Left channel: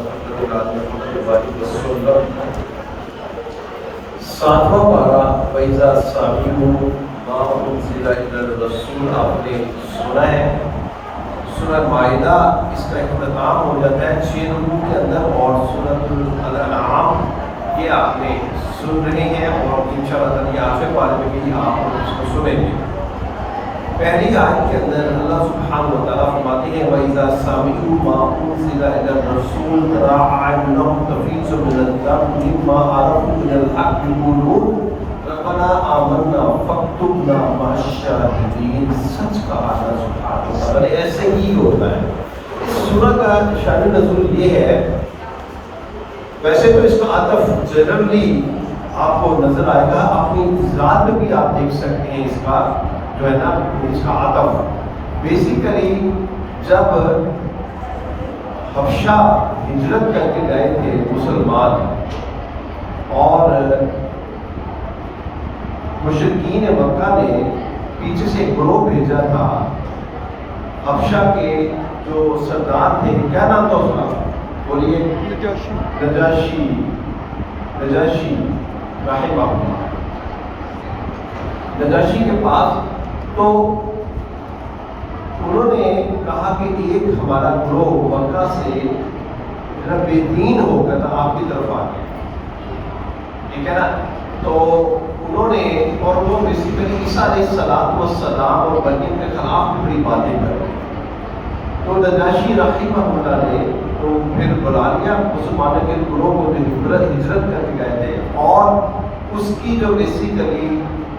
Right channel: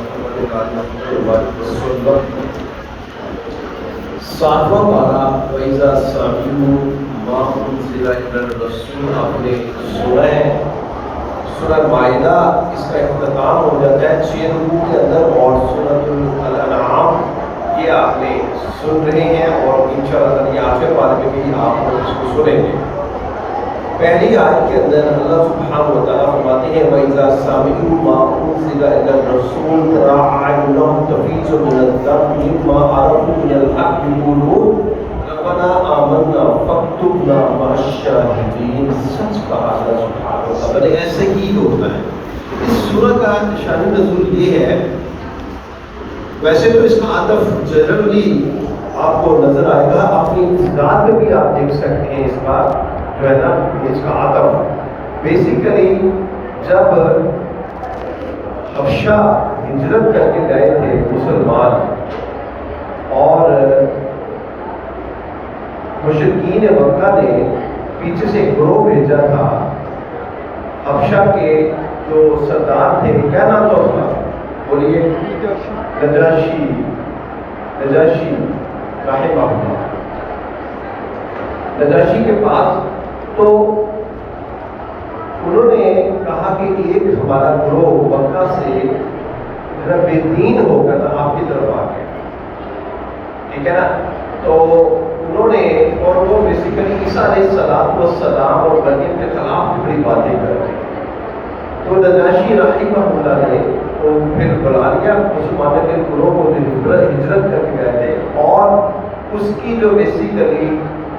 محمد محمد وسلم۔ ساتواں پارہ وَإِذَا سَمِعُوا مَا أُنزِلَ إِلَى الرَّسُولِ آپ نے سنا ہے۔ سورہ مائدہ اس کا اختتام ہو جاتا ہے 6 رکوع کے اندر، اور سورۃ الانعام یہ آپ نے سن رہے ہیں، اور انشاءاللہ یہ آخر پارے میں بھی آپ کو اس کو سنیں گے۔ پہلی آیت کے اندر اللہ سبحانہ و تعالیٰ فرماتے ہیں وَإِذَا سَمِعُوا مَا أُنزِلَ إِلَى الرَّسُولِ تَرَىٰ أَعْيُنَهُمْ تَفِيضُ مِنَ الدَّمْعِ مِمَّا عَرَفُوا مِنَ الْحَقِّ يَقُولُونَ رَبَّنَا آمَنَّا فَاكْتُبْنَا مَعَ الشَّاهِدِينَ۔ سچ کہا اللہ سبحانہ و تعالیٰ نے، ایسے ہی ہوتا ہے۔ اس سورہ کا شان نزول یہ ہے، ویسے تو اس کا عطف جنرلی آپ کو نظر آئے گا، اپنی ذات میں بھی آپ دیکھ سکتے ہیں اس کا جو ہے نا اس کا عطف بیسیکلی جب حبشہ ہجرت کر کے گئے تھے مسلمان، اور مشرکین مکہ نے پیچھے سے گروہ بھیجا تھا حبشہ کے جو سردار تھے، کیا نام تھا اس کا؟ بولیے۔ نجاشی رحمہ اللہ، نجاشی کے پاس، تو انہوں نے کہا کہ ایک ہمارا گروہ مکہ سے بے دین ہو کر آپ کی طرف آ گئے، ٹھیک ہے نا؟ تو انہوں نے، اور وہ بیسیکلی عیسیٰ علیہ السلام اور مریم کے خلاف بڑی باتیں کر رہے ہیں، تو نجاشی رحمہ اللہ نے ان پھر بلا لیا مسلمانوں کے گروہ کو جو ہجرت کر کے گئے تھے، اور اس کی جو بیسیکلی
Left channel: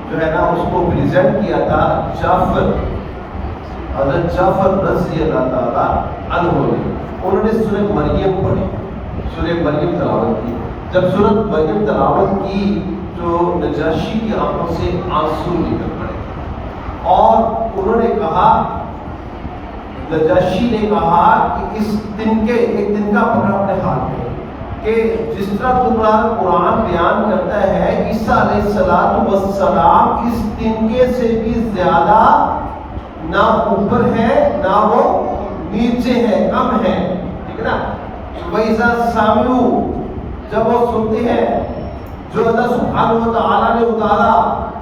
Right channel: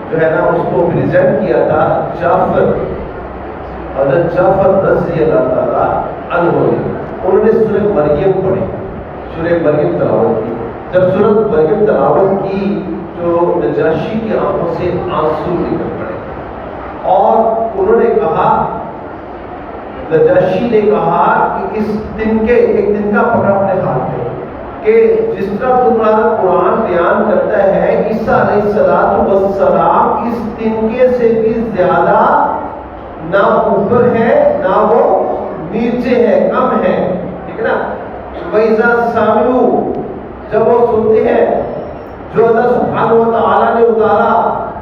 جو ہے نا اس کو پریزنٹ کیا تھا جعفر، حضرت جعفر رضی اللہ تعالیٰ عنہ نے۔ انہوں نے سورۃ مریم پڑھی، سورۃ مریم تلاوت کی۔ جب سورۃ مریم تلاوت کی تو نجاشی کی آنکھوں سے آنسو نکل پڑے، اور انہوں نے کہا، نجاشی نے کہا کہ اس دن کے ایک دن کا پکڑا اپنے ہاتھ میں، کہ جس طرح تمہارا قرآن بیان کرتا ہے عیسیٰ علیہ السلام اس تنکے سے بھی زیادہ نہ اوپر ہے نہ وہ نیچے ہے، کم ہے، ٹھیک ہے نا؟ وَإِذَا سَمِعُوا، جب وہ سنتے ہیں جو اللہ سبحانہ و تعالیٰ نے اتارا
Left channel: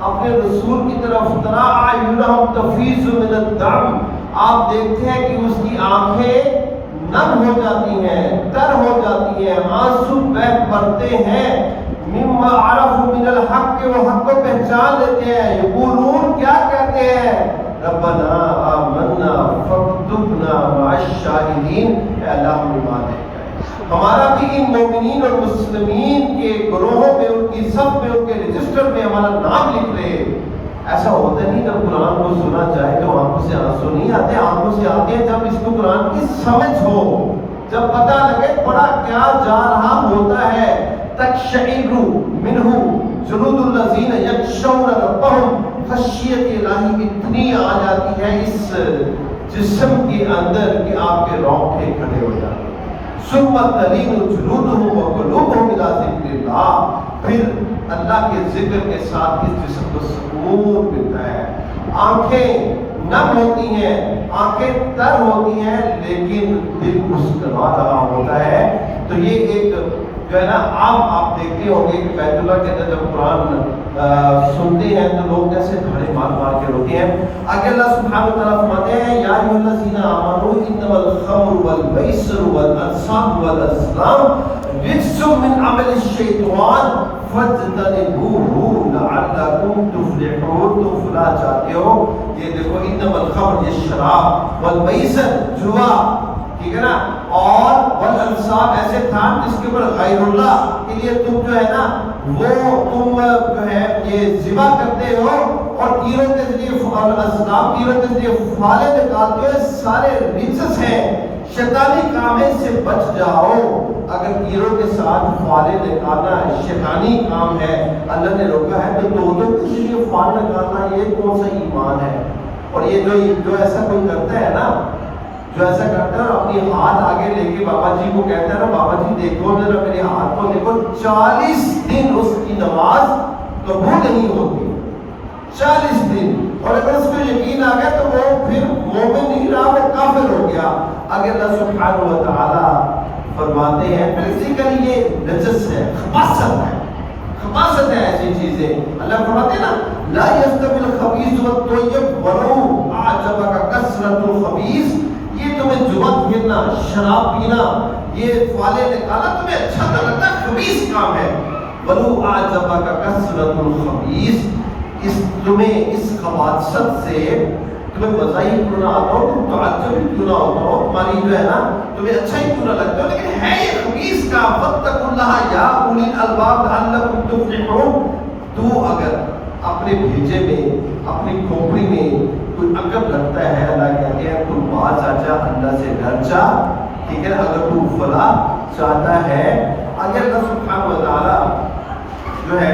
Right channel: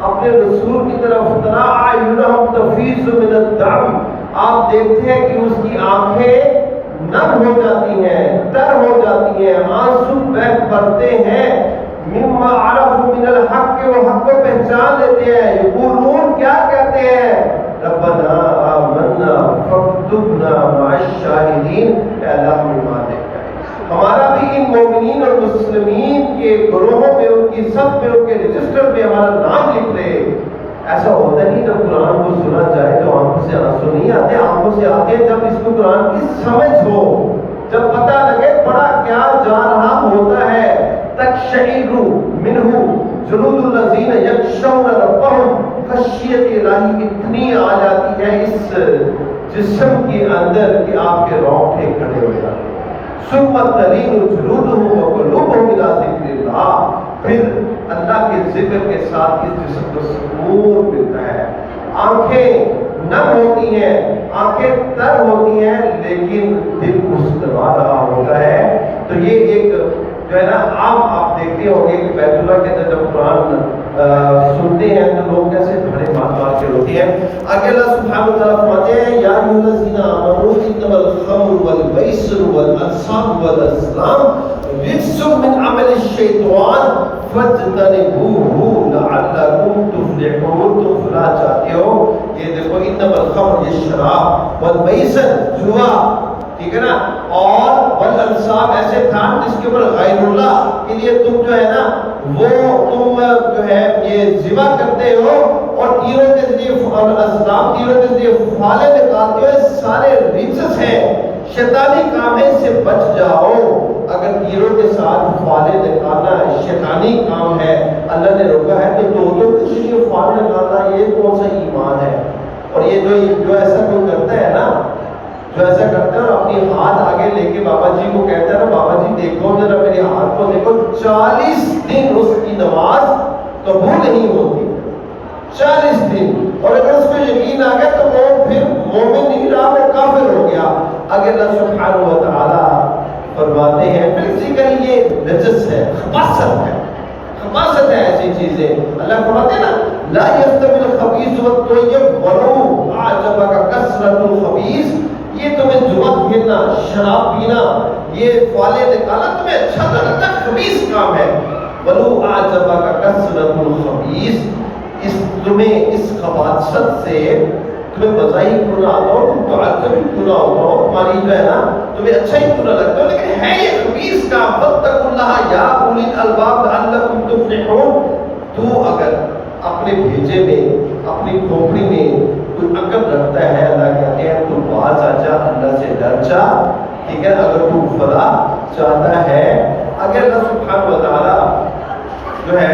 اپنے رسول کی طرف، تَرَىٰ أَعْيُنَهُمْ تَفِيضُ مِنَ الدَّمْعِ، آپ دیکھتے ہیں کہ اس کی آنکھیں نم ہو جاتی ہیں، تر ہو جاتی ہیں، آنسو بہہ پڑتے ہیں، مما عرفوا من الحق، کہ وہ حق کو پہچان لیتے ہیں، یقولون، کیا کہتے ہیں؟ ربنا آمنا فاکتبنا مع الشاہدین، اے اللہ ہم ایمان لے آئے، ہمارا بھی ان مومنین اور مسلمین کے گروہوں میں، ان کی صف میں، ان کے رجسٹر میں ہمارا نام لکھ لے۔ ایسا ہوتا نہیں جب قرآن کو سنا جائے تو آنکھوں سے آنسو نہیں آتے، آنکھوں سے آتے جب اس کو قرآن کی سمجھ ہو، جب پتہ لگے پڑھا کیا جا رہا ہوتا ہے۔ تقشعر منہ جلود الذین یخشون ربہم، خشیت الہی اتنی آ جاتی ہے اس جسم کے اندر کہ آپ کے رونگٹے کھڑے ہو جاتے ہیں۔ ثم تلین جلودہم وقلوبہم الی ذکر اللہ، پھر اللہ کے ذکر کے ساتھ اس جسم کو سکون ملتا ہے۔ آنکھیں نم ہوتی ہیں، آنکھیں تر ہوتی ہیں، لیکن دل مسکرا رہا ہوتا ہے۔ تو یہ ایک جو ہے نا آپ دیکھتے ہوں گے کہ بیت اللہ کے اندر جب قرآن سنتے ہیں تو لوگ جیسے بھڑے مار کے روتے ہیں۔ آگے اللہ سبحانہ و تعالیٰ فرماتے ہیں یا ایھا الذین آمنوا انما الخمر والمیسر والانصاب والازلام رجس من عمل الشیطان فاجتنبوہ لعلکم تفلحون، تم فلاح چاہتے ہو، یہ دیکھو انما الخمر، یہ شراب، والمیسر جوا، ٹھیک ہے نا، اور والانصاب ایسے کھان جس کے اوپر غیر اللہ کے لیے تم جو ہے نا وہ تم جو ہے یہ ذبح کرتے ہو، اور تیروں کے ذریعے اسلام تیروں کے ذریعے فالے نکالتے ہو، سارے ریچس ہیں، شیطانی کام ہے، اس سے بچ جاؤ۔ اگر تیروں کے ساتھ فالے نکالنا شیطانی کام ہے، اللہ نے روکا ہے، تو توجہ کے ذریعے فال نکالنا یہ کون سا ایمان ہے؟ اور یہ جو ایسا کوئی کرتا ہے نا، جو ایسا کرتا ہے اور اپنی ہاتھ آگے لے کے بابا جی کو کہتا ہے نا بابا جی دیکھو ذرا میرے ہاتھ کو دیکھو، 40 دن اس کی نماز قبول نہیں ہوتی، 40 دن، اور اگر اس کو یقین آ گیا تو وہ پھر مومن نہیں رہا، وہ کافر ہو گیا۔ اگر اللہ سبحانہ و تعالیٰ فرماتے ہیں بیسیکلی یہ نجس ہے، خباثت ہے ایسی چیزیں. اللہ فرماتے ہیں نا لا یستوی الخبیث والطیب ولو اعجبک کثرۃ الخبیث. یہ تمہیں جوا کھیلنا، شراب پینا، یہ فالے نکالنا تمہیں اچھا تو لگتا ہے، خبیث کام ہے. ولو اعجبک کثرۃ الخبیث، تمہیں اس خباثت سے تمہیں مزہ ہی کیوں نہ آتا ہو، تم تعجب ہی کیوں نہ ہوتا ہو، تمہاری جو ہے نا تمہیں اچھا ہی کیوں نہ لگتا ہو، لیکن ہے یہ خبیث کا. واتقوا اللہ یا اولی الالباب لعلکم تفلحون. تو اگر اپنے بھیجے میں، اپنی کھوپڑی میں کوئی عقل رکھتا ہے، اللہ کہتے ہیں تو باز آ جا، اللہ سے ڈر جا. ٹھیک ہے، اگر تو فلاح چاہتا ہے. اگر اللہ سبحانہ و تعالی جو ہے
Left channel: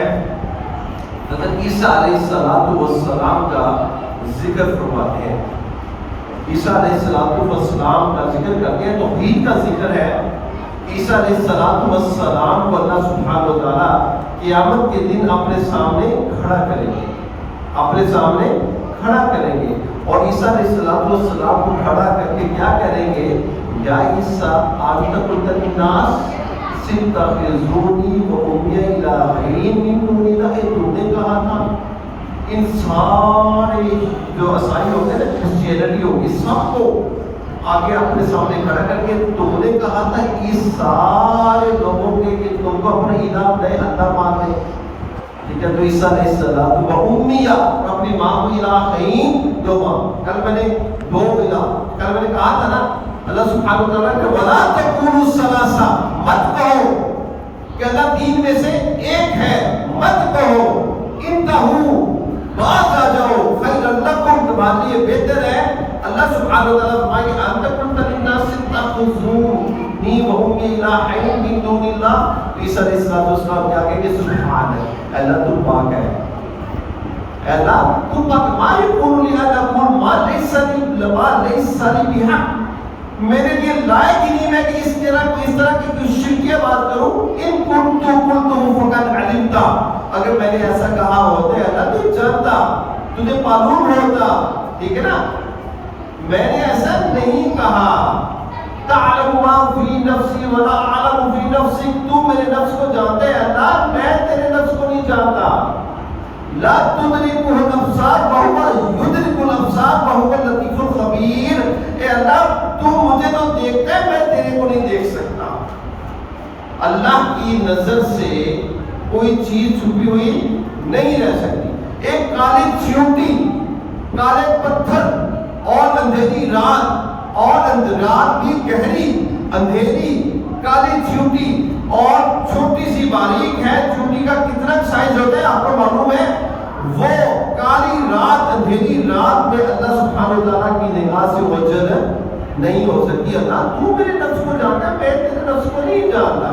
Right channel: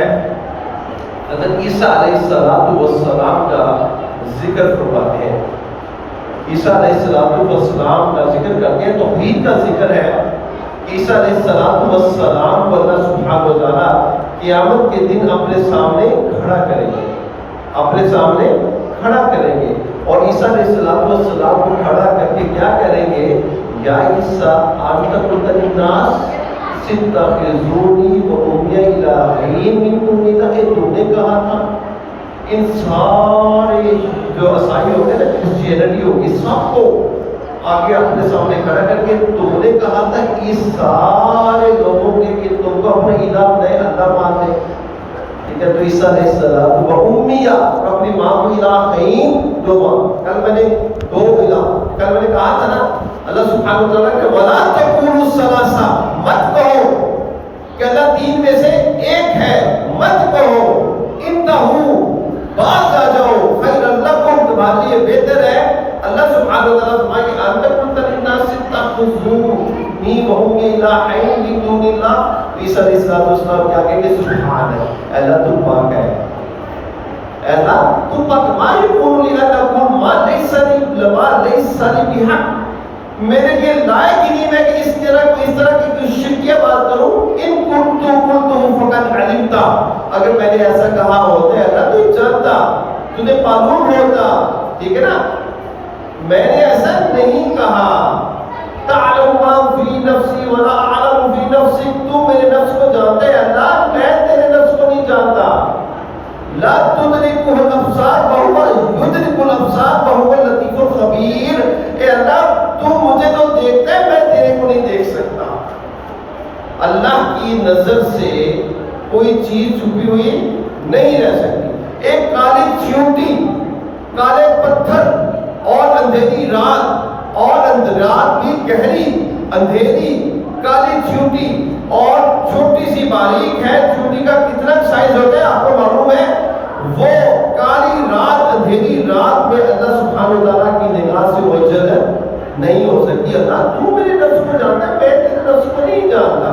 حضرت عیسیٰ علیہ السلام کا ذکر فرماتے ہیں، عیسیٰ علیہ السلام کا ذکر کرتے ہیں، توحید کا ذکر ہے. عیسیٰ علیہ السلام کو اللہ سبحانہ و تعالیٰ قیامت کے دن اپنے سامنے کھڑا کریں گے، اپنے سامنے کھڑا کریں گے. اور عیسیٰ علیہ السلام کو کھڑا کر کے کیا کریں گے؟ یا عیسیٰ انت قلت للناس اتخذونی وأمی الہین من دون اللہ. تم نے کہا تھا ان سارے جو عیسائی ہوگے نا، کرسچینٹی ہوگی، سب کو آگے اپنے سامنے کھڑا کر کے تم نے کہا تھا اس سارے لوگوں کے کہ تم کو اپنا الہ بنائے، اللہ مان لے. ٹھیک ہے، تو عیسیٰ علیہ السلام و امیہ، اپنی ماں کو الہین، دو ماں. کل میں نے دو الہ، کل میں نے کہا تھا نا اللہ سبحانہ و تعالیٰ کہ وَلَا تَقُولُوا ثَلَاثَةً، مت کہو کہ اللہ تین میں سے ایک ہے، مت کہو. انتہوا، باز آ جاؤ، خیرا لکم، تمہارے لیے بہتر ہے. اللہ سبحانہ و تعالیٰ فرمائے کہ انت قلت للناس اتخذونی وأمی الہین من دون اللہ. عیسیٰ علیہ السلام کیا کہیں گے؟ سبحان ہے، اللہ تو پاک ہے، اللہ تو پاک. ما یکون لی ان اقول ما لیس لی بحق، میرے لیے لائق ہی نہیں ہے کہ اس طرح کی شرکیہ بات کروں. ان قلت فقط علمتا، اگر میں نے ایسا کہا ہوتا ہے اللہ تو جانتا، تجھے معلوم ہوتا. ٹھیک ہے نا، میں نے ایسا نہیں کہا. تعلم ما فی نفسی ولا اعلم فی نفسک، تو میرے نفس کو جانتا ہے اللہ، میں تیرے نفس کو نہیں جانتا. لا تدرکہ الابصار وہو یدرک الابصار وہو اللطیف الخبیر. اے اللہ تو مجھے تو دیکھتا ہے، میں تیرے کو نہیں دیکھ سکتا. اللہ کی نظر سے کوئی چیز چھپی ہوئی نہیں رہ سکتی. ایک کالی چیونٹی، کالے پتھر اور اندھیری رات، اور رات بھی گہری اندھیری، کالی چیونٹی اور چھوٹی سی باریک ہے. چیونٹی کا کتنا سائز ہوتا ہے آپ کو معلوم ہے؟ وہ کالی رات، اندھیری رات میں اللہ سبحانہ و تعالیٰ کی نگاہ سے اوجھل نہیں ہو سکتی. اللہ تو میرے نفس کو جانتا ہے، میں تیرے نفس کو نہیں جانتا.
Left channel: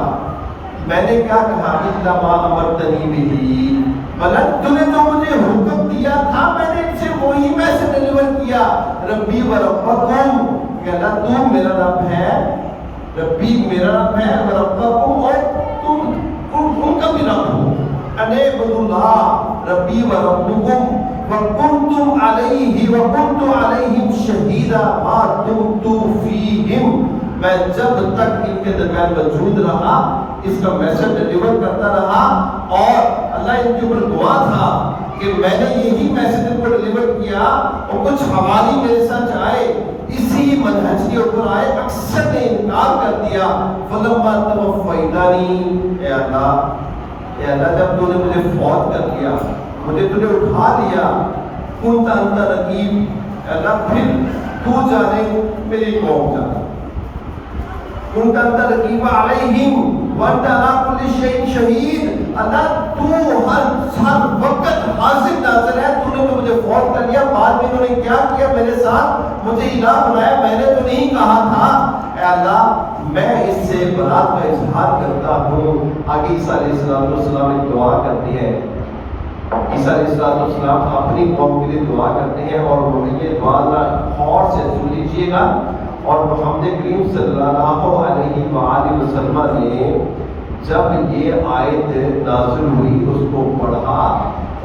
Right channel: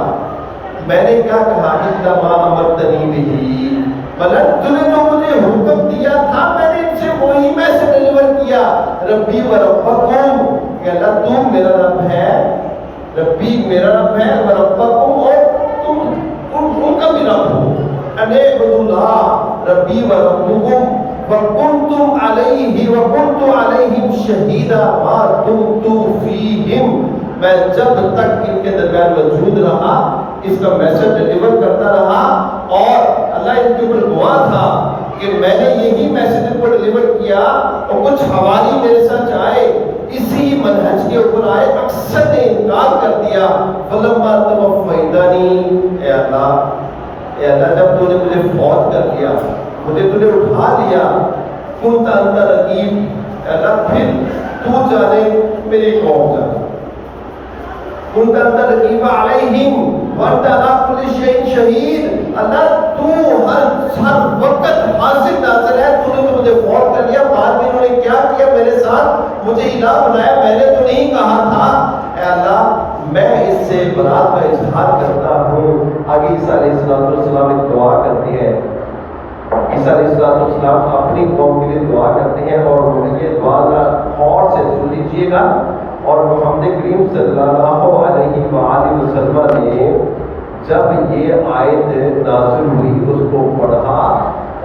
میں نے کیا کہا کہ ما امرتنی بہ، بلکہ تو نے جو مجھے حکم دیا تھا میں نے ان سے وہی میسج ڈیلیور کیا. ربی و ربکم، کہ اللہ تو میرا رب ہے، ربی میرا رب ہے، و ربکم، اور تم ان کا بھی رب ہو. انعبدوا اللہ ربی و ربکم وکنتم علیہ وکنت علیہم شہیدا ما دمت فیہم. میں جب تک ان کے درمیان موجود رہا اس کا میسج ڈیلیور کرتا رہا، اور اللہ ان کے اوپر گواہ تھا کہ میں نے یہی میسج ان کو ڈیلیور کیا. اور کچھ حوالی میرے ساتھ آئے، اسی منہج کے اوپر آئے، اکثر نے انکار کر دیا. فلما توفیتنی، اے اللہ جب تو نے مجھے فوت کر دیا، مجھے تو نے اٹھا لیا، کنت انت رقیب، اللہ پھر تو جانے میری قوم جانے. کنت انت رقیب علیہم وانت علی کل شیء شہید. اللہ تو ہر وقت حاضر ناظر ہے، تو نے تو مجھے فوت کر لیا، بعد میں انہوں نے کیا کیا میرے ساتھ، مجھے الہ بنایا، میں نے تو نہیں کہا تھا. اے اللہ میں اس سے برات کا اظہار کرتا ہوں. آگے عیسیٰ علیہ السلام ایک دعا کرتے ہیں. عیسیٰ علیہ السلام اپنی قوم کے لیے دعا کرتے ہیں، اور وہ یہ دعا غور سے سن لیجیے گا. اور محمد کریم صلی اللہ علیہ وآلہ وسلم نے جب یہ آیت نازل ہوئی اس کو پڑھا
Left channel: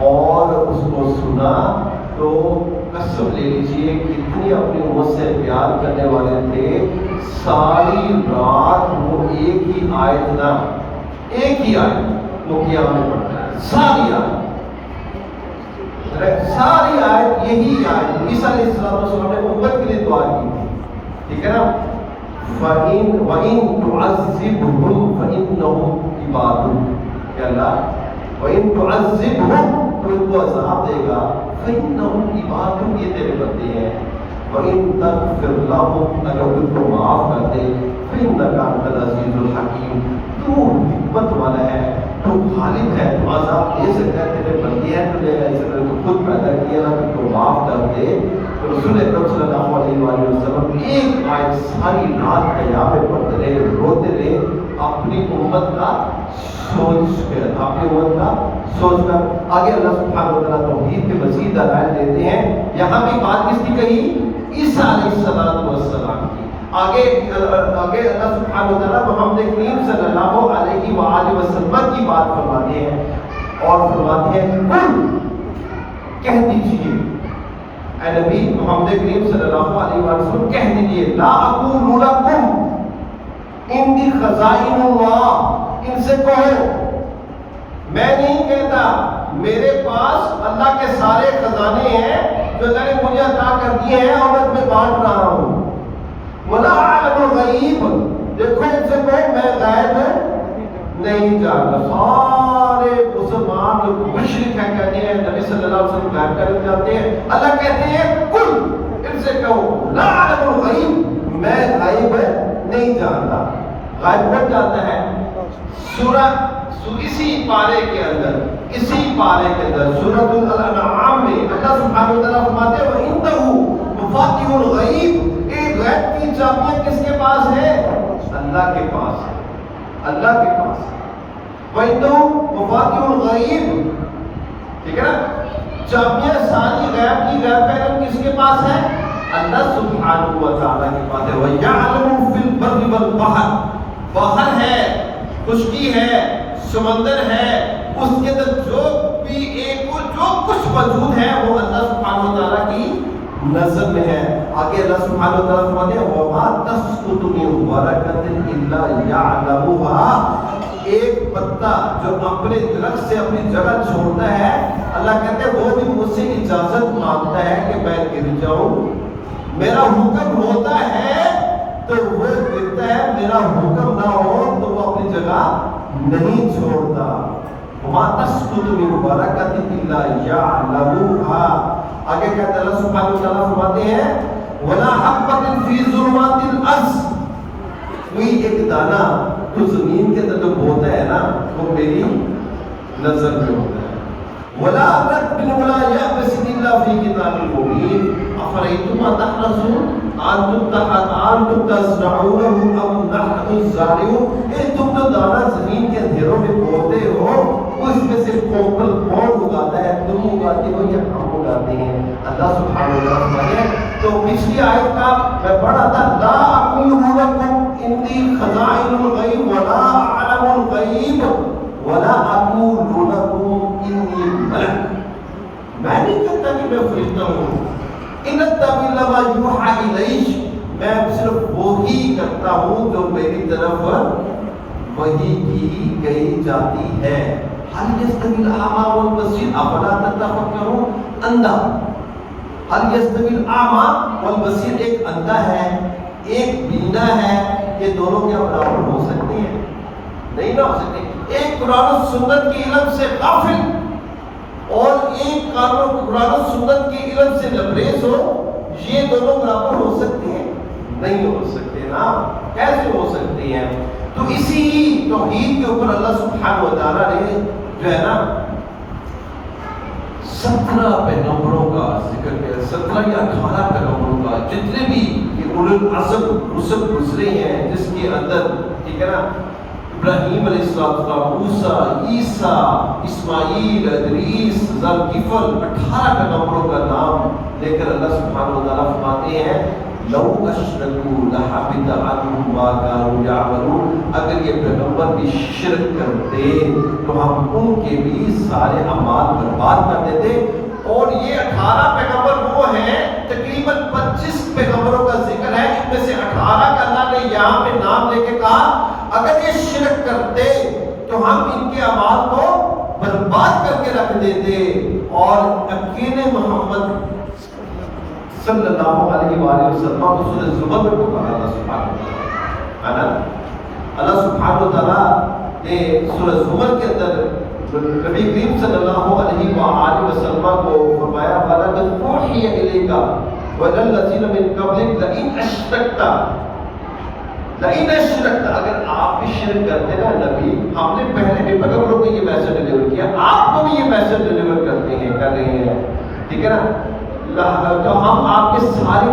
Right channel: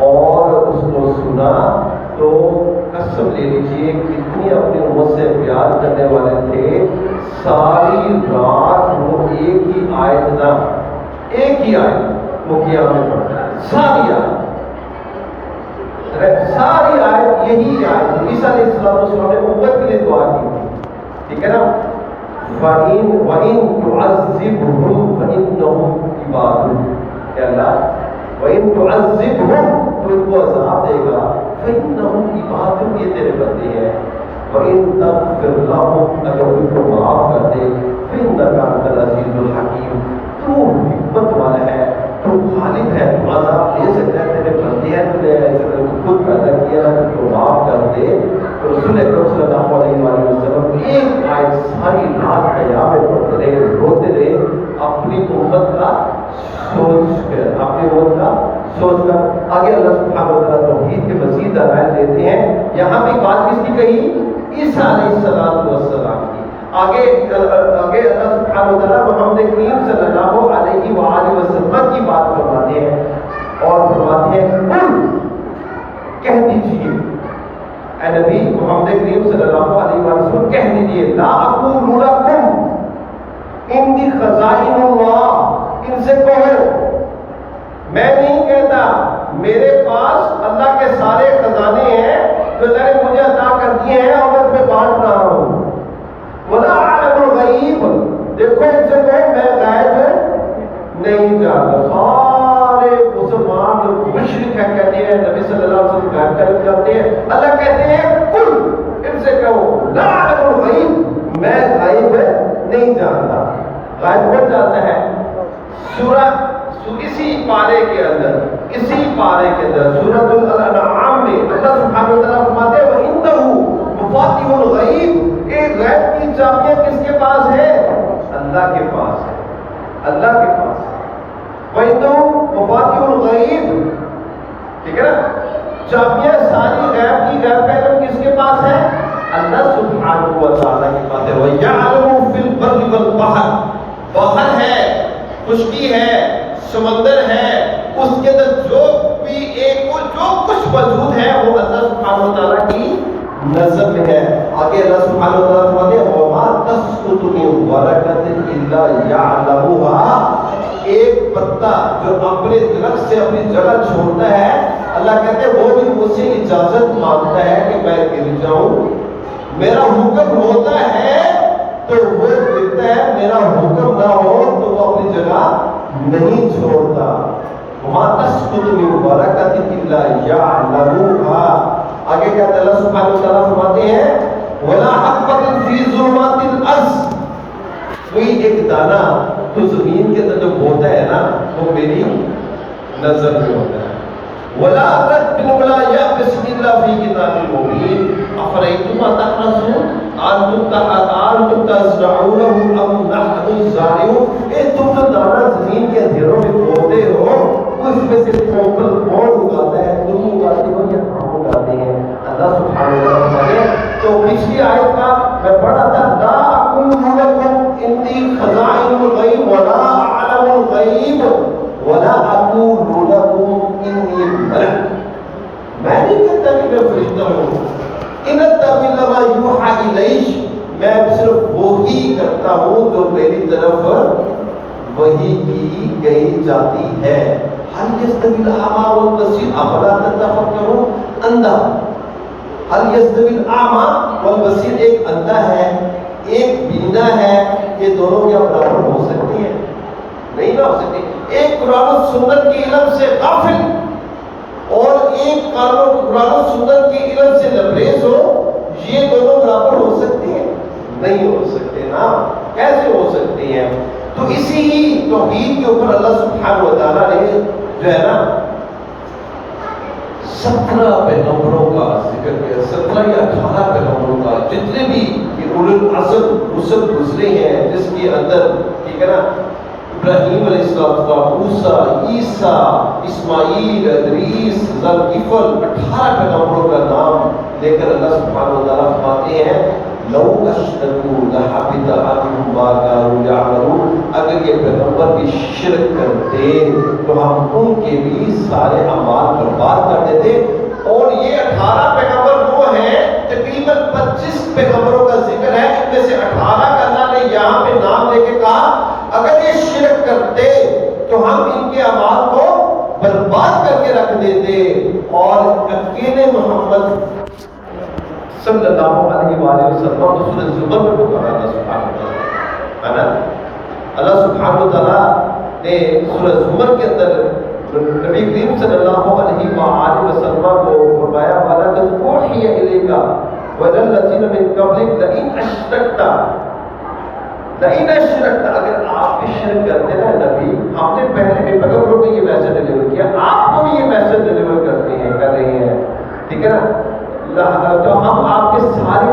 اور اس کو سنا تو قسم لے لیجیے کتنی اپنی امت سے پیار کرنے والے تھے. ساری رات وہ ایک ہی آیت نہ، ایک ہی آیت وہ قیام میں پڑھتا ہے، ساری آیت، ساری آیت یہی آیت عیسیٰ علیہ السلام نے امت کے لیے دعا کی تھی، ٹھیک ہے نا؟ وَإِن تُعَذِّبْهُمْ فَإِنَّهُمْ عِبَادُكَ، کہ اللہ وَإِن تُعَذِّبْهُمْ، تو ان کو عذاب دے گا، فَإِنَّهُمْ عِبَادُكَ، یہ تیرے بندے ہیں، وَإِن تَغْفِرْ لَهُمْ، اگر ان کو معاف کر دے، فَإِنَّكَ أَنْتَ الْعَزِيزُ الْحَكِيمُ، تو حکمت والا ہے، تو غالب ہے، تو عذاب دے سکتا ہے، تیرے بندے ہیں، تو نے خود پیدا کیا ہے، تو معاف کر دے۔ تو رسول اکرم صلی اللہ علیہ وآلہ وسلم ایک آیت ساری رات قیام میں پڑھتے رہے، روتے رہے، اپنی امت کا سوچ کر، اپنی امت کا سوچ کر۔ آگے اللہ سبحانہ و تعالیٰ توحید کے مزید دلائل دیتے ہیں۔ یہاں بھی بات کس کی کہی؟ عیسیٰ علیہ السلام کی۔ آگے اللہ سبحانہ و تعالیٰ محمد کریم صلی اللہ علیہ وآلہ وسلم کی بات فرماتے ہیں اور فرماتے ہیں قل، کہہ دیجئے اے نبی محمد کریم صلی اللہ علیہ وسلم، کہہ دیجئے لا اقول لکم انی خزائن اللہ، ان سے کہو میں نہیں کہتا میرے پاس اللہ کے سارے خزانے ہیں جو اللہ نے مجھے عطا کر دیے ہیں اور میں تمہیں بانٹ رہا ہوں، ولا اعلم الغیب، دیکھو ان سے کہو میں غیب نہیں جانتا۔ سارے مسلمان جو مشرک ہیں کہتے ہیں نبی صلی اللہ علیہ وسلم غیب کا علم جانتے ہیں، اللہ کہتے ہیں قل، ان سے کہو لا اعلم الغیب، میں غیب نہیں جانتا۔ غیب کون جانتا ہے؟ اسی پارے کے اندر، سورۃ الانعام میں اللہ سبحانہ و تعالیٰ فرماتے ہیں وَعِندَهُ مفاتیح الغیب، ایک غیب کی چابیاں کس کے پاس ہے؟ اللہ کے پاس ہے، اللہ کے پاس ہے۔ وَعِندَهُ مفاتیح الغیب، ٹھیک ہے نا؟ چابیاں ساری غیب کی، غیب کا علم کس کے پاس ہے؟ اللہ سبحانہ و تعالیٰ کے پاس ہے۔ وَيَعْلَمُ فِي الْبَرِّ وَالْبَحْرِ، باہر ہے، خشکی ہے، سمندر ہے، اس کے اندر جو بھی جو کچھ موجود ہے وہ اللہ سبحانہ و تعالیٰ کی نظر میں ہے۔ آگے اللہ سبحانہ و تعالیٰ فرماتے ہیں وَمَا تَسْقُطُ مِن وَرَقَةٍ إِلَّا يَعْلَمُهَا، ایک پتا جو اپنے درخت سے اپنی جگہ چھوڑتا ہے، اللہ کہتے ہیں وہ بھی مجھ سے اجازت مانگتا ہے کہ میں گر جاؤں، میرا حکم ہوتا ہے تو وہ گرتا ہے، میرا حکم نہ ہو تو وہ اپنی جگہ نہیں چھوڑتا۔ وَمَا تَسْقُطُ مِن وَرَقَةٍ إِلَّا يَعْلَمُهَا، آگے کہتے ہیں اللہ سبحانہ و تعالیٰ فرماتے ہیں وَلَا حَبَّةٍ فِي ظُلُمَاتِ الْأَرْضِ، کوئی ایک دانہ تو زمین کے اندر جو بوتا ہے نا وہ میری نظر میں ہوتا ہے۔ وَلَا رَتْبٍ وَلَا يَابِسٍ إِلَّا فِي كِتَابٍ مُبِينٍ أَفَرَأَيْتُم مَّا تَحْرَثُونَ أَأَنتُمْ تَزْرَعُونَهُ أَمْ نَحْنُ الزَّارِعُونَ، تم جو دانہ زمین کے اندھیروں میں بوتے ہو اس میں سے کون اگاتا ہے؟ تم اگاتے ہو یا ہم اگاتے ہیں؟ اللہ سبحانہ و تعالیٰ۔ تو پچھلی آیت کا میں پڑھا تھا لا اقول لکم انی خزائن الغیب ولا اعلم الغیب ولا اقول لکم انی ملک، میں نہیں کہتا کہ میں فرشتہ ہوں، ان اتبع الا ما یوحی الی، میں صرف وہی کرتا ہوں جو میری طرف وحی کی گئی جاتی ہے۔ هل يستوي الأعمى والبصير افلا تتفکرون، اندھا، هل يستوي الأعمى والبصير، ایک اندھا ہے ایک بینا ہے، یہ دونوں کیا برابر ہو سکتی ہیں؟ نہیں نہ ہو سکتی۔ ایک قرآن و سنت کے علم سے غافل اور ایک قرآن و سنت کے علم سے لبریز ہو، یہ دونوں برابر ہو سکتے ہیں؟ نہیں ہو سکتے نا، کیسے ہو سکتے ہیں؟ تو اسی ہی توحید کے اوپر اللہ سبحانہ و تعالیٰ نے جو ہے نا 17 پیغمبروں کا ذکر کیا، 17 یا 18 پیغمبروں کا، جتنے بھی اولو العزم رسل گزرے ہیں جس کے اندر، ٹھیک ہے نا، ابراہیم علیہ السلام، موسیٰ، عیسیٰ، اسماعیل، ادریس، ذوالکفل، 18 پیغمبروں کا نام لے کر اللہ سبحانہ و تعالیٰ فرماتے ہیں لو اشرکوا لحبط عنہم ما كانوا يعملون، اگر یہ پیغمبر بھی شرک کرتے تو ہم ان کے بھی سارے اعمال برباد کر دیتے۔ اور یہ 18 پیغمبر وہ ہیں، تقریباً 25 پیغمبروں کا ذکر ہے، ان میں سے 18 کا اللہ نے نے یہاں پہ نام لے کے کہا اگر یہ شرک کرتے تو ہم ان کے اعمال کو برباد کر کے رکھ دیتے، اور اکیلے محمد صلی اللہ علیہ وآلہ وسلم کو سورہ زمر میں پکارا اللہ سبحانہ وتعالی۔ اللہ سبحانہ وتعالی نے سورہ زمر کے اندر نبی کریم صلی اللہ علیہ وآلہ وسلم کو فرمایا وَلَقَدْ أُوحِيَ إِلَيْكَ وَإِلَى الَّذِينَ مِن قَبْلِكَ لَئِنْ أَشْرَكْتَ، اگر آپ بھی شرک کرتے نا نبی، ہم نے پہلے بھی پیغمبروں کو یہ میسج ڈیلیور کیا، آپ کو بھی یہ میسج ڈیلیور کرتے ہیں، کر رہے ہیں، ٹھیک ہے نا، تو ہم آپ کے سارے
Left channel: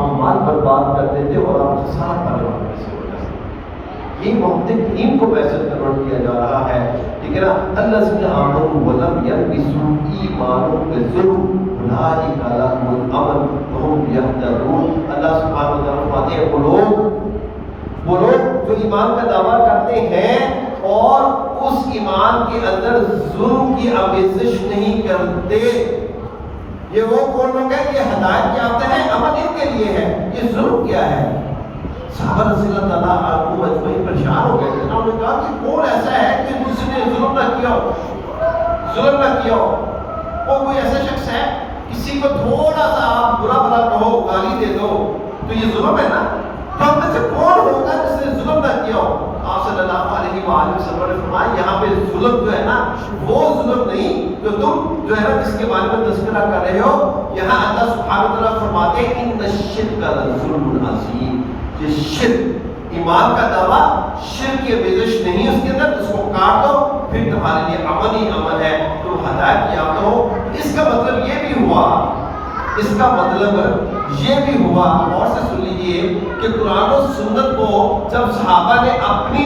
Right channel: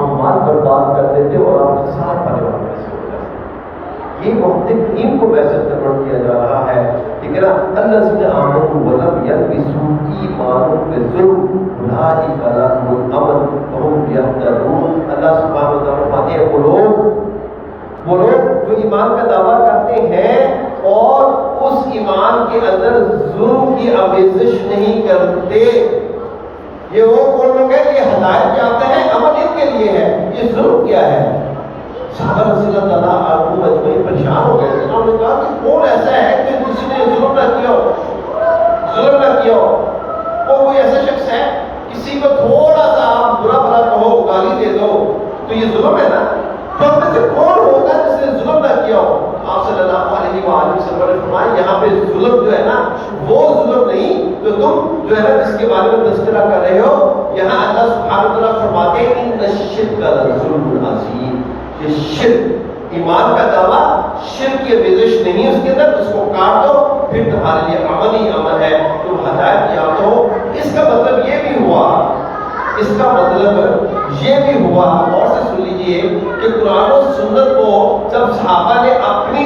اعمال برباد کر دیتے اور آپ کا سارا پریوار میسج ہو جاتا۔ یہ محمد کریم کو میسج کنورٹ کیا جا رہا ہے، ٹھیک ہے نا، الذین آمنوا ولم یلبسوا ایمانهم بظلم اولئک لهم الامن وهم یہتدون۔ اللہ سبحانہ و تعالیٰ فرماتے ہیں وہ لوگ جو ایمان کا دعویٰ کرتے ہیں اور اس ایمان کے اندر ظلم کی آمیزش نہیں کرتے، یہ وہ کون لوگ ہیں؟ یہ ہدایت یافتہ ہیں، امن ان کے لیے ہے، یہ ظلم کیا ہے؟ صحابہ رضی اللہ تعالیٰ عنہم اجمعین پریشان ہو گئے تھے، انہوں نے کہا کہ کون ایسا ہے کہ کسی نے ظلم نہ کیا ہو، کوئی ایسا شخص ہے کسی کو تھوڑا سا آپ برا بھلا کہو، گالی دے دو تو یہ ظلم ہے نا، تو ہم میں سے کون ہوگا جس نے ظلم نہ کیا ہو؟ آپ صلی اللہ علیہ وآلہ وسلم نے فرمایا یہاں پہ ظلم جو ہے نا وہ ظلم نہیں جو تم جو ہے نا جس کے بارے میں تذکرہ کر رہے ہو، یہاں اللہ سبحانہ وتعالیٰ فرماتے ہیں ان الشرک لظلم عظیم، یہ شرک ایمان کا دعویٰ شرک کی آمیزش نہیں اس کے اندر، اس کو کاٹ دو پھر تمہارے لیے امن ہی امن ہے، تم ہدایت یافتہ ہو۔ اس کا مطلب یہ بھی ہوا اور سے سن لیجئے کہ قرآن و سنت کو جب صحابہ نے اپنی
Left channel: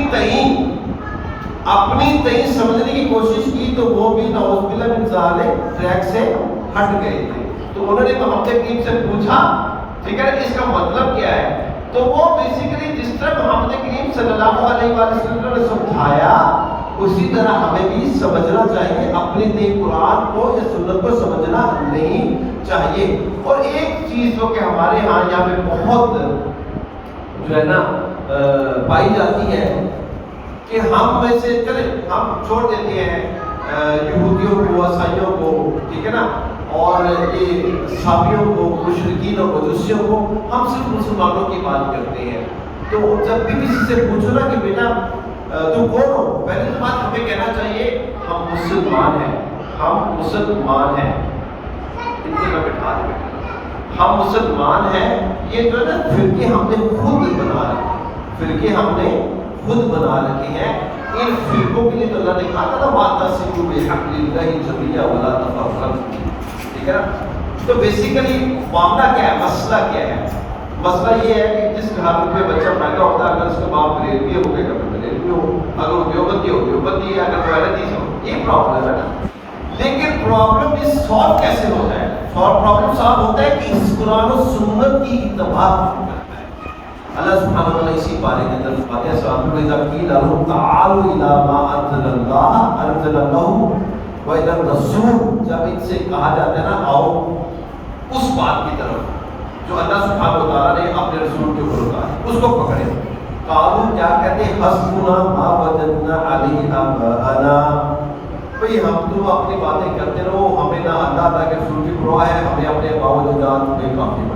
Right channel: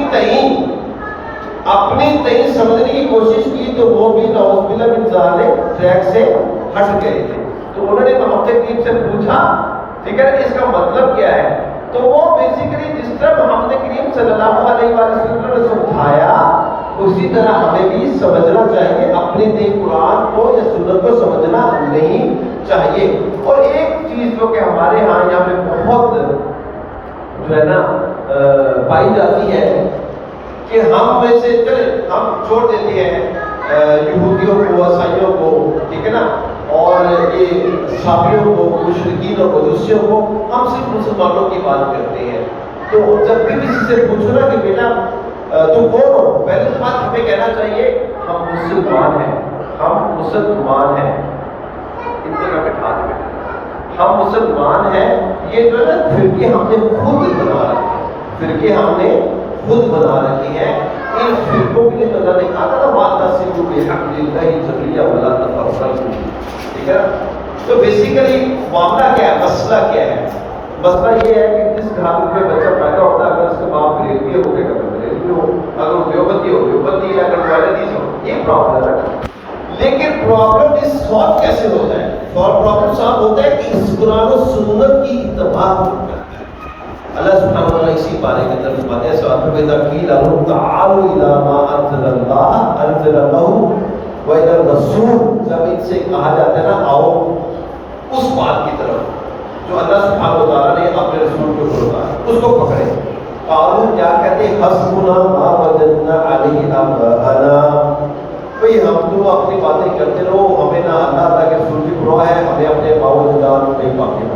تئیں سمجھنے کی کوشش کی تو وہ بھی نعوذ باللہ من ذالک ٹریک سے ہٹ گئے تھے، تو انہوں نے محمد کریم سے پوچھا، ٹھیک ہے اس کا مطلب کیا ہے؟ تو وہ بیسیکلی جس طرح محمد کریم صلی اللہ علیہ وسلم نے سمجھایا اسی طرح ہمیں بھی سمجھنا چاہیے، اپنے دین قرآن کو یا سنت کو سمجھنا نہیں چاہیے۔ اور ایک چیز جو کہ ہمارے یہاں پہ بہت جو ہے نا پائی جاتی ہے کہ ہم میں سے ہم چھوڑ دیتے ہیں یہودیوں کو، عیسائیوں کو، ٹھیک ہے نا، اور یہ صابیوں کو، مشرکین اور مجوسیوں کو، ہم صرف مسلمانوں کی بات کرتے ہیں۔ تو جب بھی کسی سے پوچھو نا کہ بیٹا تم کون ہو، پہلے تو بات ہمیں کہنا چاہیے ہم مسلمان ہیں، اتنے کا بٹھا دیں، ہم مسلمان ہیں۔ یہ جو ہے نا فرقے ہم نے خود بنا رکھے ہیں، ان فرقوں کے لیے تو اللہ نے کہا تھا نا وَاعْتَصِمُوا بِحَبْلِ اللَّهِ جَمِيعًا وَلَا تَفَرَّقُوا، ٹھیک ہے۔ تو بیسیکلی معاملہ کیا ہے، مسئلہ کیا ہے؟ مسئلہ یہ ہے کہ جس گھر میں بچہ پیدا ہوتا ہے، اگر اس کے باپ ریلوے ہو گئے اگر وہ دیوبندی ہے، اگر ویلدیز ہو، یہ پرابلم ہے۔ لیکن پرابلم اس سالو کیسے ہوتا ہے؟ پرابلم سالو ہوتا ہے کہ اس قرآن و سنت کی اتباع ہوتا ہے۔ اللہ سبحانہ وتعالیٰ اسی بارے میں فرماتے ہیں سورۃ البقرہ قیل لهم تعالوا الی ما انزل اللہ و الی الرسول، جب ان سے کہا جاتا ہے نا آؤ اس بات کی طرف جو اللہ سبحانہ وتعالیٰ نے اپنے رسول کو بھیجا، اس کو پکڑے۔ قالوا کیا کہتے ہیں حسبنا ما وجدنا علیہ آباءنا، بھئی ہم تم اپنی باتیں کرتے رہو، ہمیں نہ اللہ تعالیٰ کے رسول کی پرواہ ہے، ہمیں اپنے باوجدات پہ کافی ہے۔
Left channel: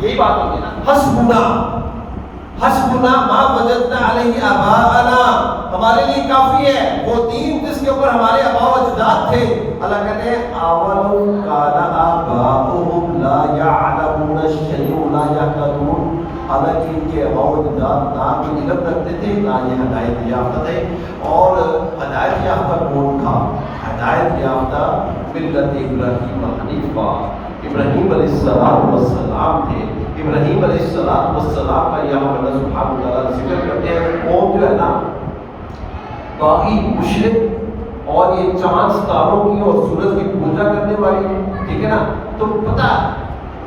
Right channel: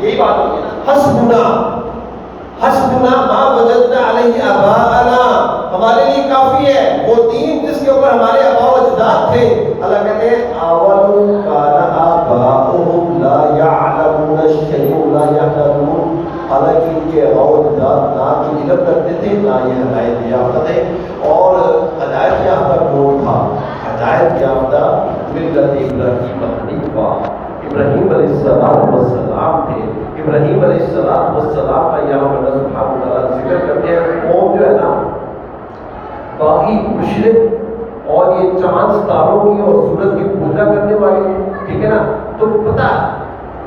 یہی بات ہوتی ہے حسبنا ما وجدنا علیہ آباءنا، ہمارے لیے کافی ہے وہ دین جس کے اوپر ہمارے آباء و اجداد تھے۔ اللہ کہتے ہیں اولو کان آباؤہم لا یعلمون شیئا ولا یہتدون، حالانکہ ان کے آباء و اجداد نہ کوئی علم رکھتے تھے نہ یہ ہدایت یافتہ تھے۔ اور ہدایت یافتہ کون تھا؟ ہدایت یافتہ ملت ابراہیم حنیفہ، ابراہیم علیہ السلام تھے۔ ابراہیم علیہ السلام کا یہاں اللہ سبحانہ وتعالیٰ ذکر کرتے ہیں، قوم جو ہے نا باقی مشرک اور یہ چاند ستاروں کی اور سورج کی پوجا کرنے والی، ٹھیک ہے نا، تو پتہ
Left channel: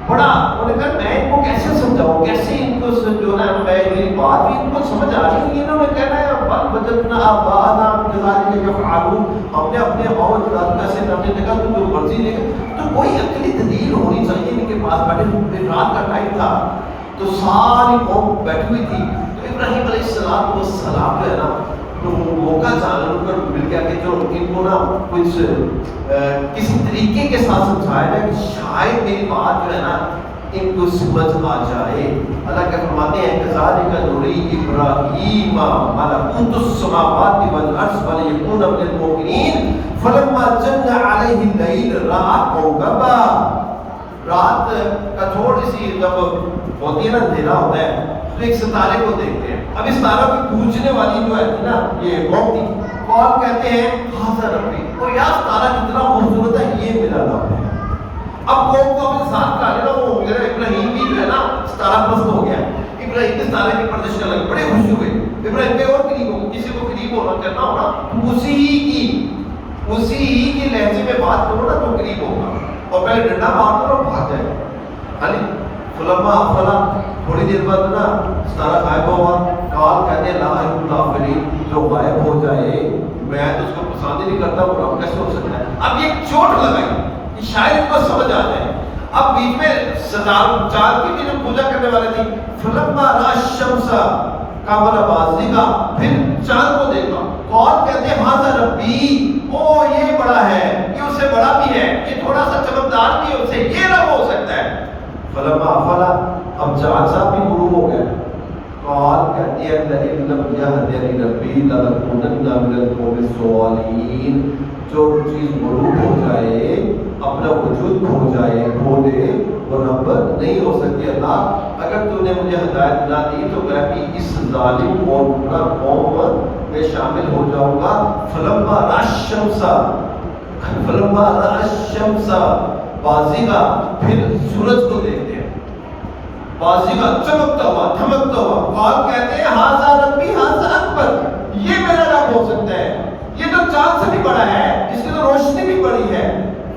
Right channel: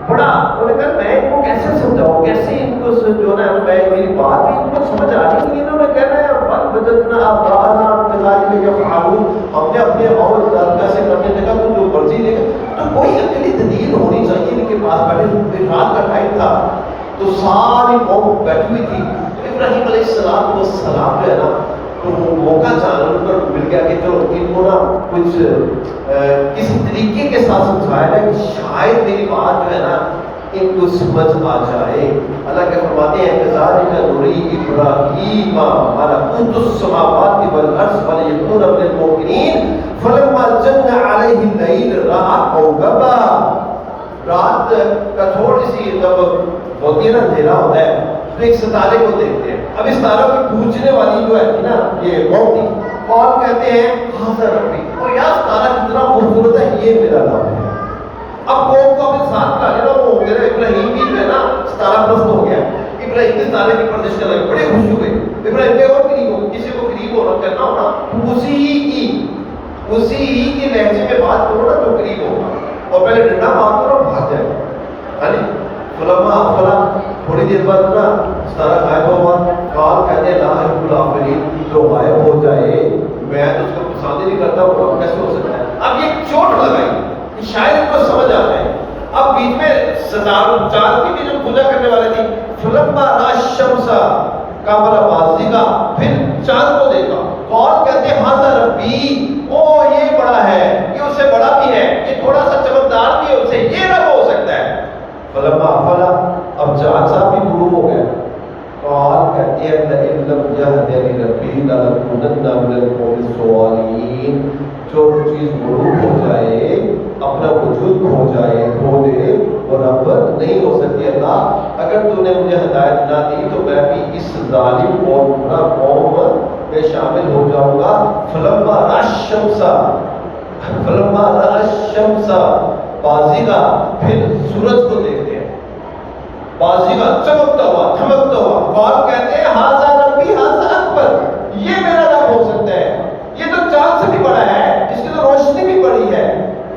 بڑا انہوں نے کہا میں ان کو کیسے سمجھاؤں، کیسے ان کو جو ہے نا میں میری بات بھی ان کو سمجھ آ رہی، انہوں نے کہنا ہے بل وجدنا آباءنا کذالک یفعلون، ہم نے اپنے آباء و اجداد کیسے کرنے لگا، تو جو مرضی لے تو کوئی عقلی دلیل ہونی چاہیے ان کے پاس۔ بیٹھے رات کا ٹائم تھا تو ساری قوم بیٹھی ہوئی تھی. تو ابراہیم علیہ السلام جو ہے نا تو وہ موقع جان ان کو مل گیا کہ چلو ان کو نا کچھ کسی طریقے کے ساتھ سمجھایا جائے کہ شاید میری بات جو ہے نا ان کو سمجھ آ جائے. اللہ کے فرماتے ہیں کہ ذالک نوری ابراہیم ملکوت السماوات والارض ولیکون من الموقنین فلما جن علیہ اللیل رأى کوکبا. رات کا تھوڑی سی جب ہوتی ہے نا اندھیرا ہوتا ہے تو ایک ستارے کو دیکھتے ہیں. اب اس ستارہ کو پوچھنے والی جو ہے نا یہ قوم تھی, کون کہتے ہیں حاضر ربی, اور یار ستارہ کتنا خوبصورت ہے, یہ میرا رب ہے. اب قوم کو اپنے ساتھ کر لینا وہ ہو گیا. ابراہیم بھی جو ہے نا ستارہ پرست ہو گیا. ابراہیم کے ستارے کی پردش کرنے لگے, بڑے خوش ہوئے. ابراہیم کے اور قریب ہو, کسی کو قریب ہونا کرنا ہونا اسی کی لہجے میں بات کرو نا تو قریب ہوگا, اور پہلے ڈنڈا مار کرو بھاگ جائے گا. ہاں جی فلما افلا, تھوڑی دیر بعد نا ستارہ غائب ہوا. قال کہتے ہیں لا احب الافلین, جو غائب ہو جائے میں تو اس کو پسند ہی نہیں کرتا, وہ رب کیسے ہو سکتا ہے. اب یہ چوٹ لگائی کہ شاید ان کو سمجھ آ جائے. اب بیچ میں ستاروں چاند کی بھی جو پوجا کرنے والے تھی, فلما را الشمس قمر بازغا, پھر چاند کو دیکھا. کون کہتے ہیں حاضر ربی, او یہ بڑا ہے, یہ اس سے بڑا بھی ہے, یہ تھوڑا سا چمکدار بھی ہے, اس سے یہ رب ہو سکتا ہے. فلما افلا, اب چاند صاحب بھی غروب ہو گئے. قال کہتے ہیں لئن لم یهدنی ربی لنکونن من القوم الضالین. جو چیز غروب ہو جائے, اپنا وجود کھو جائے, کھو دے, وہ رب نہیں ہو سکتی. اللہ اگر تو نے مجھے ہدایت نہ دی تو میں بھی اس ظالم اور برا قوم میں شامل ہو جاؤں گا. فلما را الشمس بازغا, پھر سورج کو دیکھتے ہیں بازغا, چمکتا ہوا دھمکتا ہوا. قال کہتے ہیں ھذا ربی ھذا اکبر, یہ میرا رب ہو سکتا ہے, یہ تو چاند سے بھی بڑا ہے, اس کی تو روشنی بھی بڑی ہے.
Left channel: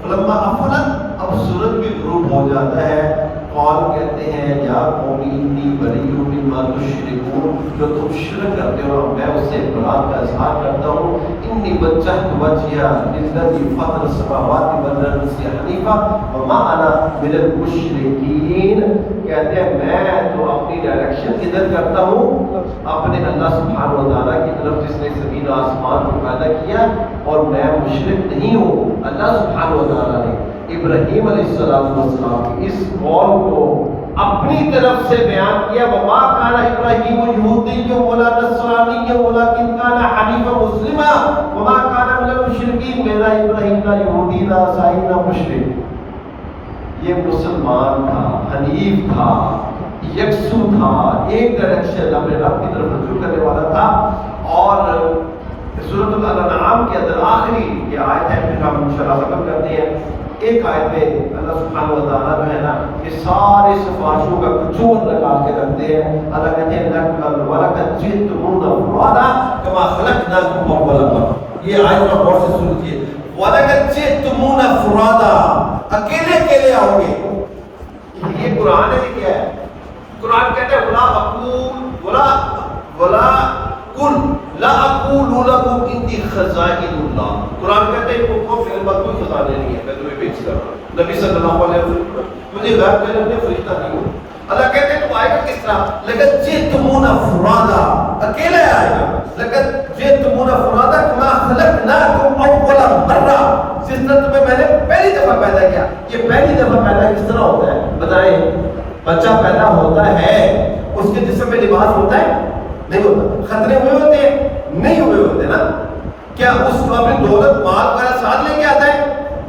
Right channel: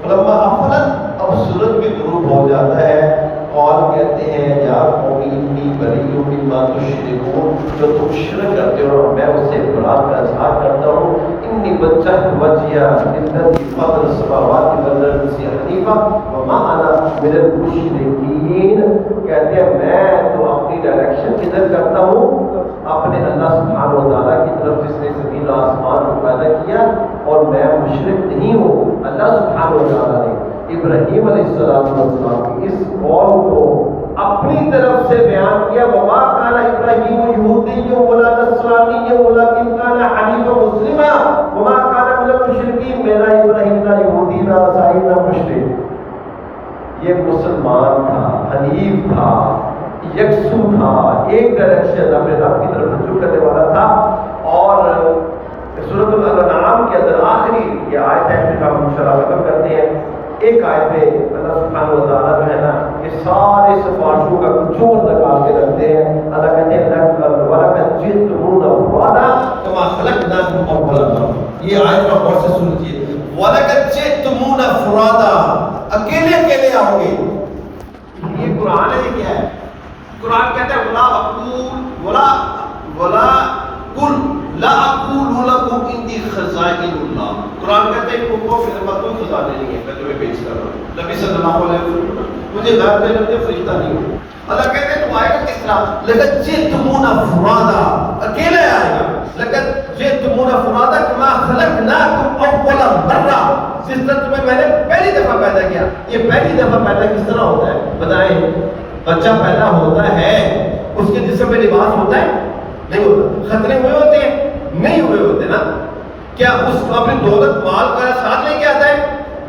فلما افلت, اب سورج بھی غروب ہو جاتا ہے. قال کہتے ہیں یا قوم انی بریء مما تشرکون, جو تم شرک کرتے ہو میں اس سے برات کا اظہار کرتا ہوں. انی وجہت وجہی للذی فطر السماوات والارض حنیفا وما انا من المشرکین. کہتے ہیں میں تو اپنی ڈائریکشن ادھر کرتا ہوں اپنے اللہ سبحانہ و تعالیٰ کی طرف جس نے زمین و آسمان کو پیدا کیا, اور میں مشرک نہیں ہوں. اللہ سبحانہ و تعالیٰ نے ابراہیم علیہ السلام کی اس قول کو اپنی طرف سے بیان کیا. وما کان ابراہیم یہودی ولا نصرانی ولکن کان حنیفا مسلما وما کان من المشرکین. میرا ابراہیم نہ یہودی نہ عیسائی نہ مشرک, یہ مسلمان تھا, حنیف تھا, یکسو تھا, ایک ڈائریکشن اپنے رب کی طرف رجوع کرنے والا تھا. اور سورۃ الانعام کے اندر آخری یہ آیت ہے جس کا ہم انشاءاللہ ختم کرتے ہیں. ایک آیت میں اللہ سبحانہ و تعالیٰ جو ہے نا یہ سارے سفارشوں کا جوڑ نکال کے رکھتے ہیں. اللہ کہتے ہیں وَلَقَدْ جِئْتُمُونَا فُرَادًا كَمَا خَلَقْنَاكُمْ أَوَّلَ مَرَّةٍ. یہ آیت کا غور سے سنیے. وَلَقَدْ جِئْتُمُونَا فُرَادًا, اکیلے اکیلے آؤ گے. یہ قرآن ہے, کیا ہے؟ قرآن کہتے ہیں وَلَا أَقُولُ وَلَا قُلْ لا اقول لكم عندي خزائن اللہ. قرآن کہتے ہیں ان کو میرے پاس کوئی خزانے نہیں ہے, میں تمہیں پیش کر رہا ہوں. نبی صلی اللہ علیہ وسلم مجھے غیب میں اپنے فرشتہ نہیں ہوں. اللہ کہتے ہیں تم آئے گا کس طرح؟ لقد جئتمونا فرادا, اکیلے آئے گا. لقد جئتمونا فرادا كما خلقناكم اول مرہ, جس طرح تمہیں میں نے پہلی دفعہ پیدا کیا. یہ پہلی دفعہ پیدا کس طرح ہوتا ہے بتائیں؟ بچہ پیدا ہوتا ہے, اس کے جسم میں لباس ہوتا ہے نہیں ہوتا, خطرے ہوئے ہوتے ہیں نہیں ہوئے ہوتے نا. کیا اس کو اپنی دولت مال وغیرہ ساتھ لے کے آتا ہے؟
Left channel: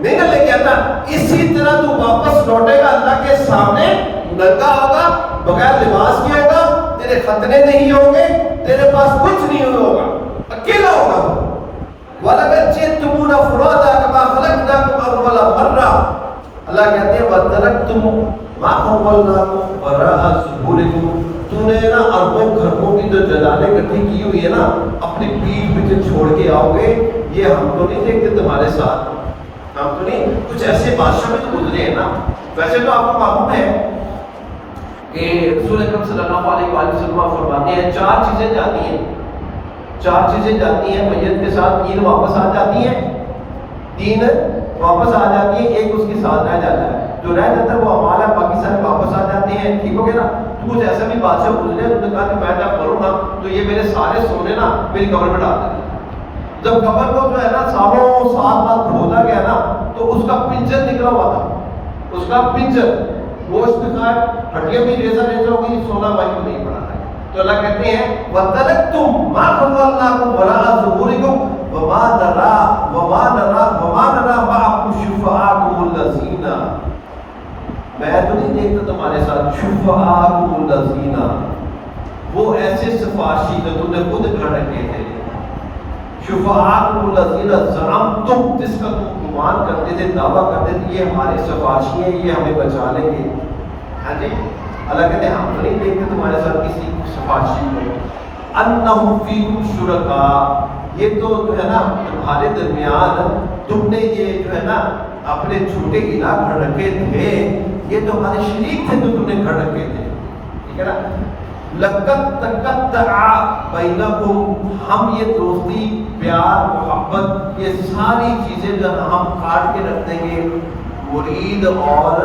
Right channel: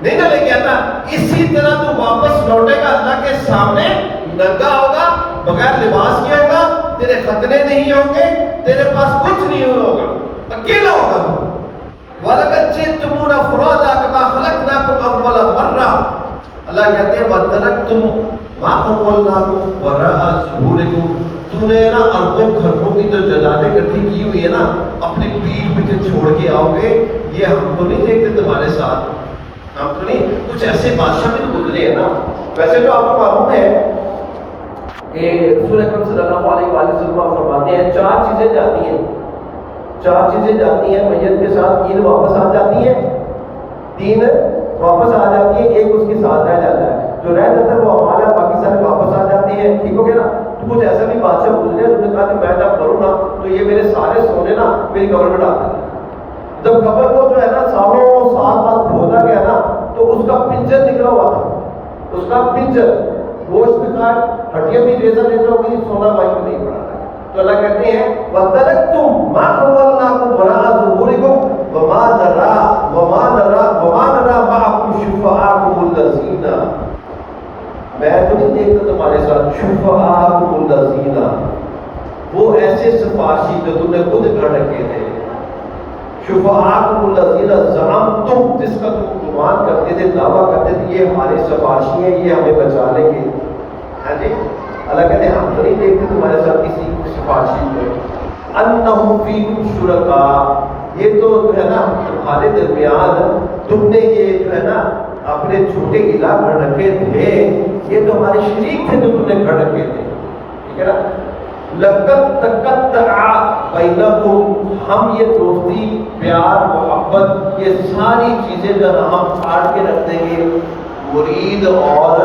نہیں نہ لے کے آتا. اسی طرح تو واپس لوٹے گا اللہ کے سامنے, ننگا ہوگا, بغیر لباس کے ہوگا, تیرے خطرے نہیں ہوں گے, تیرے پاس کچھ نہیں ہوگا, اکیلا ہوگا تو. وَلَقَدْ جِئْتُمُونَا فُرَادًا كَمَا خَلَقْنَاكُمْ أَوَّلَ مَرَّةٍ. اللہ کہتے ہیں وَتَرَكْتُمْ مَا خَوَّلْنَاكُمْ وَرَاءَ ظُهُورِكُمْ. تو نے نا اربوں گھروں کی جو جنابیں اکٹھی کی ہوئی ہے نا, اپنی پیٹھ پیچھے چھوڑ کے آؤ گے. یہ ہم تو نہیں دیکھتے تمہارے ساتھ, ہم تو نہیں, کچھ ایسے بادشاہ بھی تو گزرے ہیں نا. ویسے تو آپ کو معلوم ہے کہ رسول اکرم صلی اللہ علیہ وسلم فرماتے ہیں چار چیزیں جاتی ہیں, چار چیزیں جاتی ہیں میت کے ساتھ. تین واپس آ جاتی ہیں, تین واپس آ جاتی ہیں, ایک اس کے ساتھ رہ جاتا ہے. جو رہ جاتا ہے وہ ہمارا باقی سارے واپس آ جاتے ہیں. ٹھیک ہو گیا نا. تو کچھ ایسا بھی بادشاہ پوچھ لیا, انہوں نے کہا کہ میں جب کروں نا تو یہ میرے سارے سونے نا میری قبر میں ڈال دینا. جب قبر کو جو ہے نا سالوں سال بعد کھودا گیا نا تو اس کا پنجر نکلا ہوا تھا, اس کا پنجر, گوشت کا ہڈیاں بھی ریزہ ریزہ ہو گئی, سونا وہیں پہ نہیں پڑا تھا. تو اللہ کہتے ہیں وَتَرَكْتُمْ مَا خَوَّلْنَاكُمْ وَرَاءَ ظُهُورِكُمْ وَمَا نَرَىٰ مَعَكُمْ شُفَعَاءَكُمُ الَّذِينَ, میں تو نہیں دیکھتا تمہارے ساتھ شُفَعَاءَكُمُ الَّذِينَ, وہ ایسے سفارشی جو تم نے خود کر رکھے تھے. شُفَعَاءَكُمُ الَّذِينَ زَعَمْتُمْ, جس کا تم گمان کرتے تھے, دعویٰ کرتے تھے یہ ہمارے سفارشی ہیں, یہ ہمیں بچا لیں گے. ہاں جی, اللہ کہتے ہیں ہم تو نہیں دیکھتے تمہارے ساتھ کسی سفارشی کو. انہم فیکم شرکاء, یہ تو جو ہے نا تمہارے درمیان تم نے یہ جو ہے نا اپنے جھوٹے الہ گھڑ رکھے تھے, یہ تو ہمارے شریک تھے جو تم نے گھڑ رکھے تھے. ٹھیک ہے نا. لقد تقطع بینکم, ہم یہ دوستی پیار محبت یہ ساری چیزیں جو ہم کاٹ کے رکھ دیں گے مرید اور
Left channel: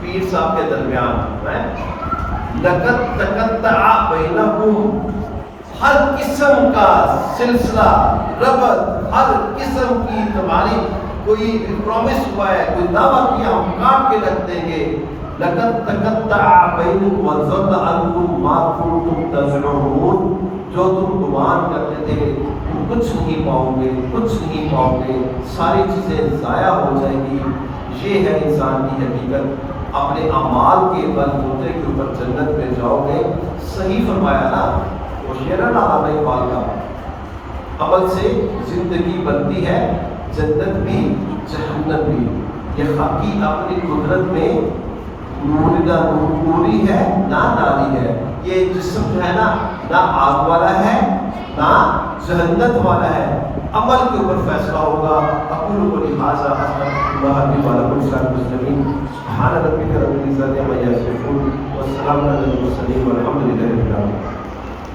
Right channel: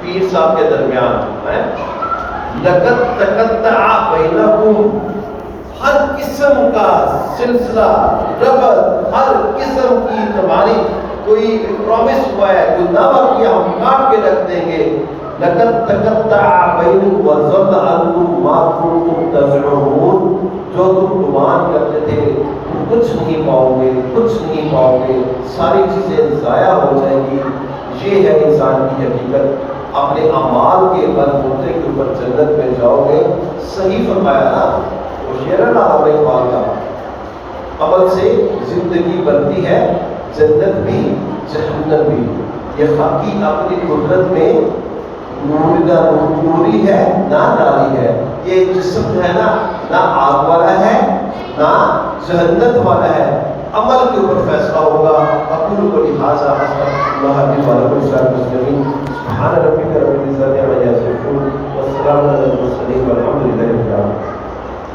پیر صاحب کے درمیان ہے. لقد تقطع بینکم, ہر قسم کا سلسلہ ربط, ہر قسم کی تمہاری کوئی پرومس ہوا ہے, کوئی دعویٰ کیا, ہم کاٹ کے رکھ دیں گے. لقد تقطع بینکم وضل عنکم ما کنتم تزعمون, جو تم گمان کرتے تھے تم کچھ نہیں پاؤ گے, کچھ نہیں پاؤ گے, ساری چیزیں ضائع ہو جائیں گی. یہ ہے انسان کی حقیقت. اپنے اعمال کے بل بوتے کے اوپر جنت میں جاؤ گے. صحیح فرمایا نا وہ شعر ہے نا عمل اقبال کا, عمل سے زندگی بنتی ہے, جنت بھی جہنم بھی. یہ حقی اپنی قدرت میں نوری ہے نہ ناری ہے. یہ جسم جو ہے نا نہ آگ والا ہے نہ جہنت والا ہے, عمل کے اوپر فیصلہ ہوگا. اقول کو لہٰذا استغفر اللہ لي ولكم سائر المسلمين. سبحان ربك رب العزة عما يصفون